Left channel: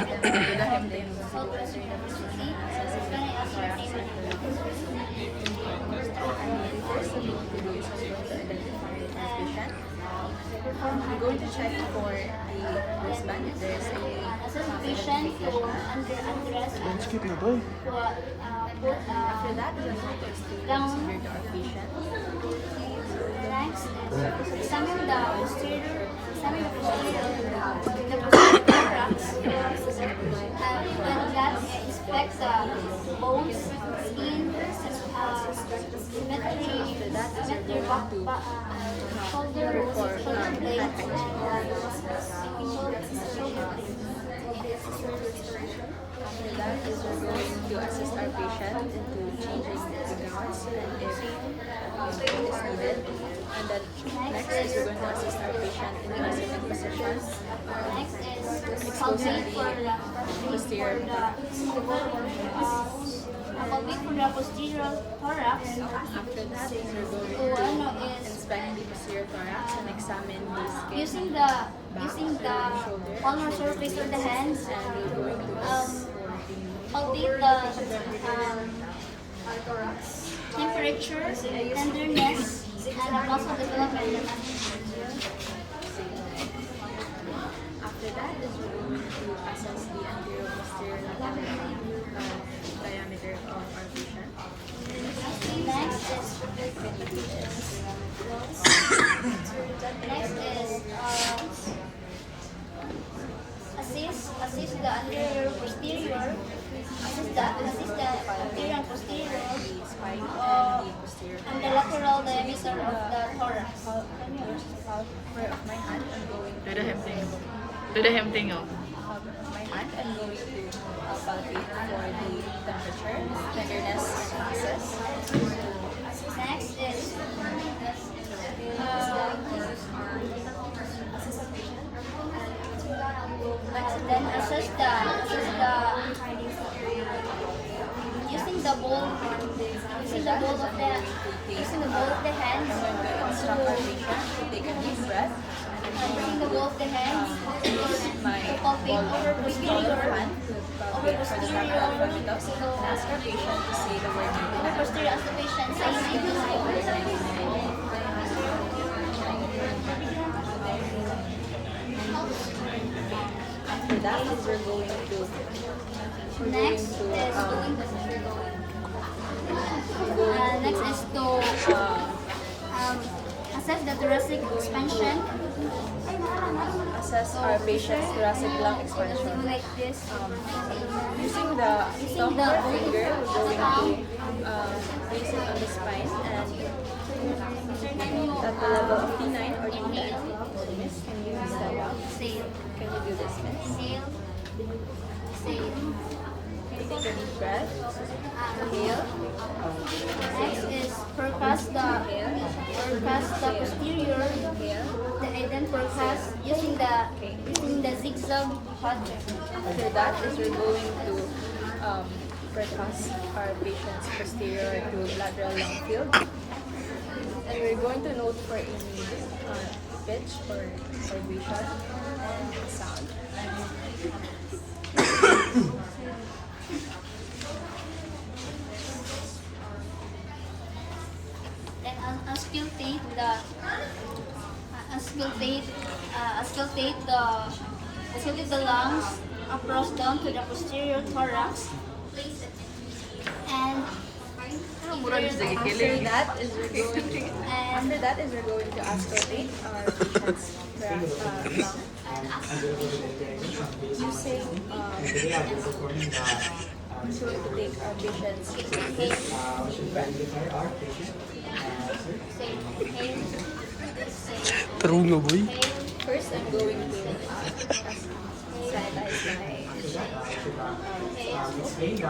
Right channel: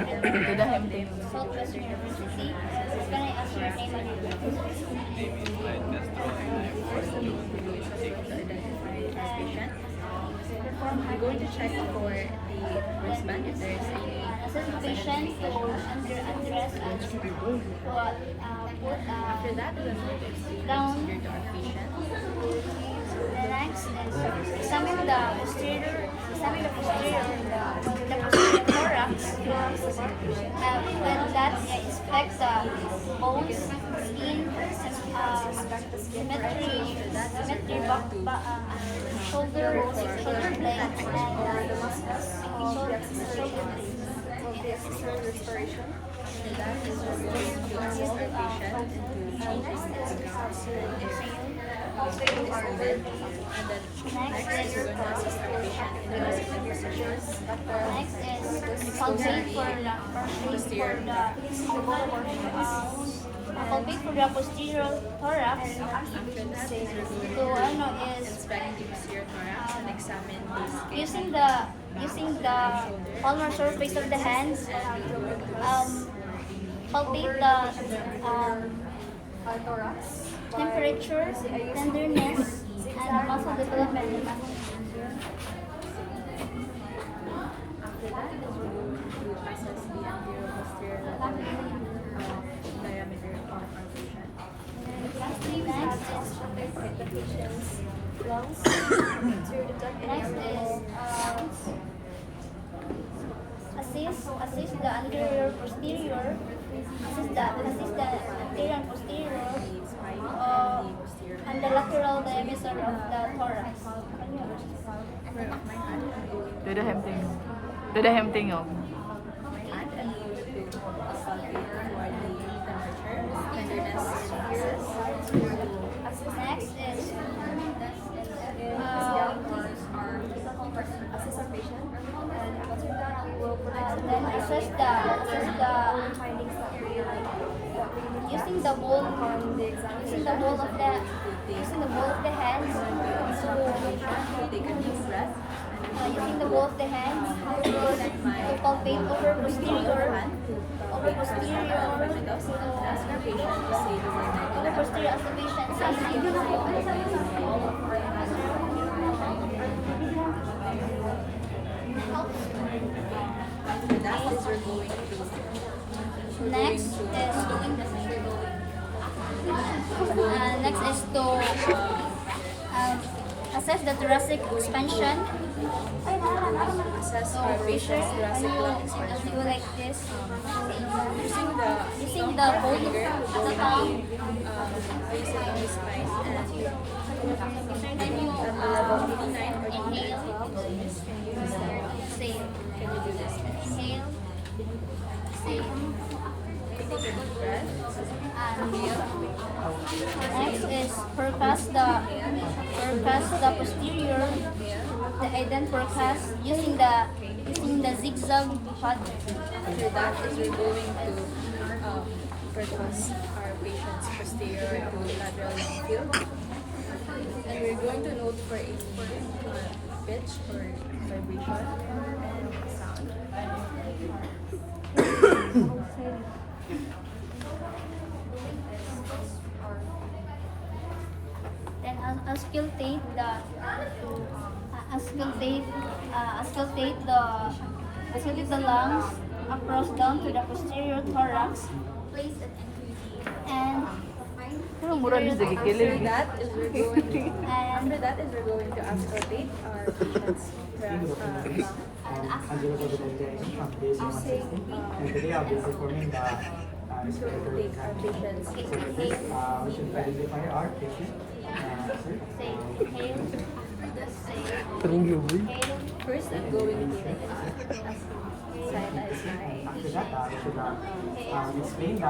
Southwest University. Can I ask your name again? I'm going to check for a wristband if there is any. Assess the patient for undress put After that, the photo state down. considered our patient. The next is examine the posterior thorax. With that, inspect the bones, skin, symmetry, shoulder blades, and shoulder blades. Respiration. After that, is we're going to assist our patient into changing the if is needed. And then next is we're going to assist our patient in the sitting position. Next is palpate for the posterior thorax. After that is we're going So ano to is inspect the posterior thorax and examine the skin. using the palmar surface of the hands, palpate the thorax, temperature, tenderness, and muscle development. After that is we're going to assess the anterior posterior diameter of our patient. Next is assist the anterior posterior, assist the anterior and posterior, and the lateral diameter of the thorax. For my hand, I'm going to Do the hem thing. Do the hem thing, oh. my hand, I'm going to palpate for the temperature, tenderness, and access. Next is then assess the using the ball of the hands Take a deep breath. using the ball of the hands to palpate over posterior Ask our patient to say the word over posterior as the patient says. After that is we're going to Next is to assess the thoracic expansion. assess our patient's thoracic lung expansion. Do like this. Using the Using thumb the or bone, finger, the we're thumb. going to place it on the spine and Can you level 89 or 89. inhale, Miss, can you use that? exhale, Can you do this, miss? inhale, exhale, Can you take a deep breath? inhale. Next is percuss the posterior, then percuss using the zigzag pattern. After that is we're going to percuss our patient's posterior to lateral lung field. And we're going to note for any pitch or vibration and sound. Then auscultate the lungs across down to the posterior thorax. And After that is we're going to and we're going to auscultate our patient's lung. Using Today I'll be performing the this will take our patient's we should identify our patient. Sir. say inhale, exhale, True yo, boy. inhale, first I'm going to sanitize my After that, we should explain the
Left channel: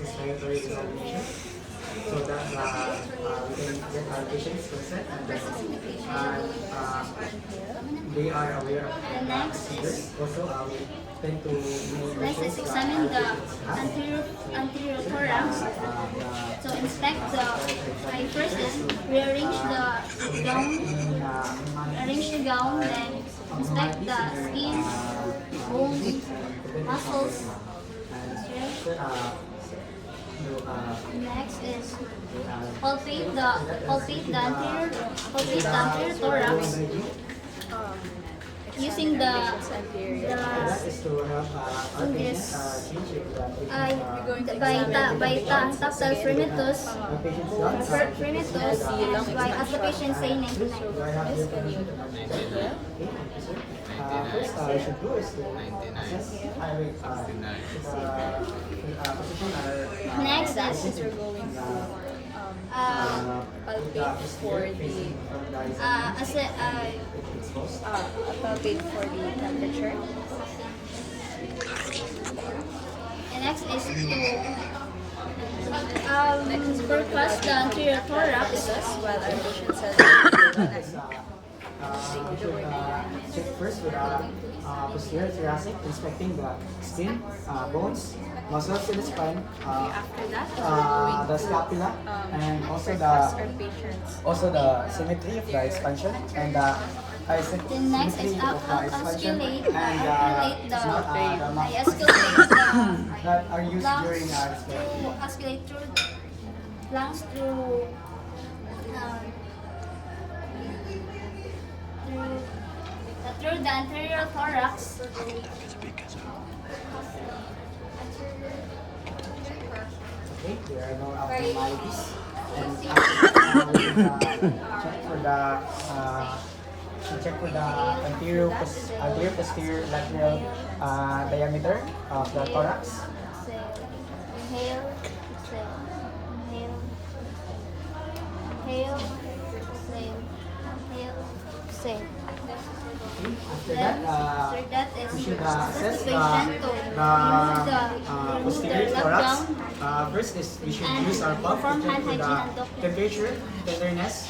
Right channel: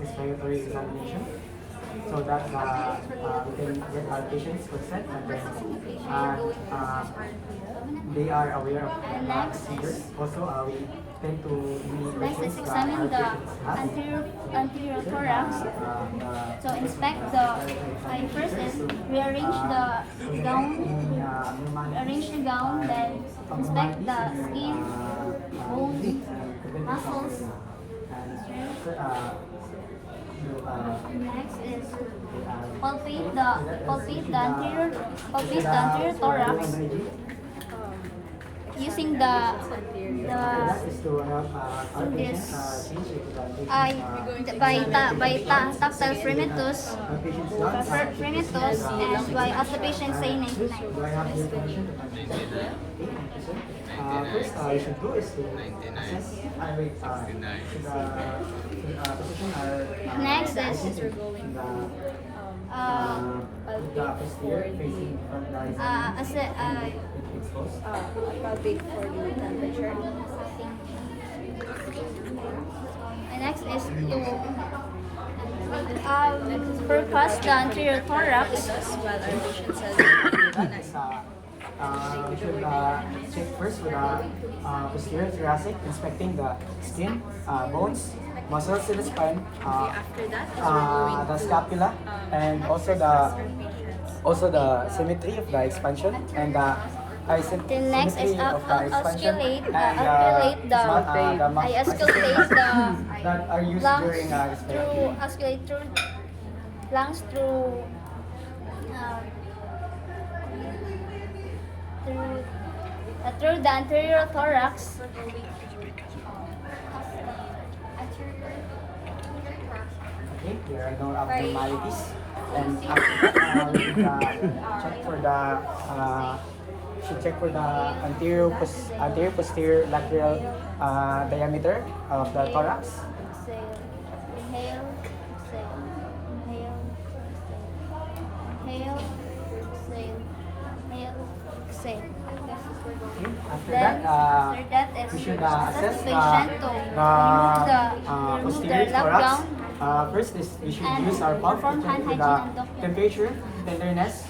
respiratory examination so that we can get our patient's consent and then they are aware of And next procedures. Also, we tend to do Next is examine the anterior thorax. So inspect the first is rearrange the gown, then inspect the skin, bones, muscles. Next is palpate the anterior thorax using the tactile fremetus and by as the patient say 99. First, you should do is to assess position Next is the posterior facing from the exposed. Palpate for the temperature. and next is to percuss the anterior thorax. While our patient says We should check first with posterior thoracic, inspecting the skin, bones, muscles in the spine, after that, the scapula, and also our patients. the symmetry of the expansion and the The next is osculate the that are used lungs during respiration. lungs through through the anterior thorax. Okay, there are no abnormalities. And after check for the anterior posterior lateral diameter of the thorax. Exhale, inhale, exhale, inhale, inhale, exhale, inhale, exhale. After Then, after that is we should assess assess the patient to remove posterior the lap thorax. gown First is we should and use our pump to perform hand check for hygiene and the Doppler. temperature, tenderness,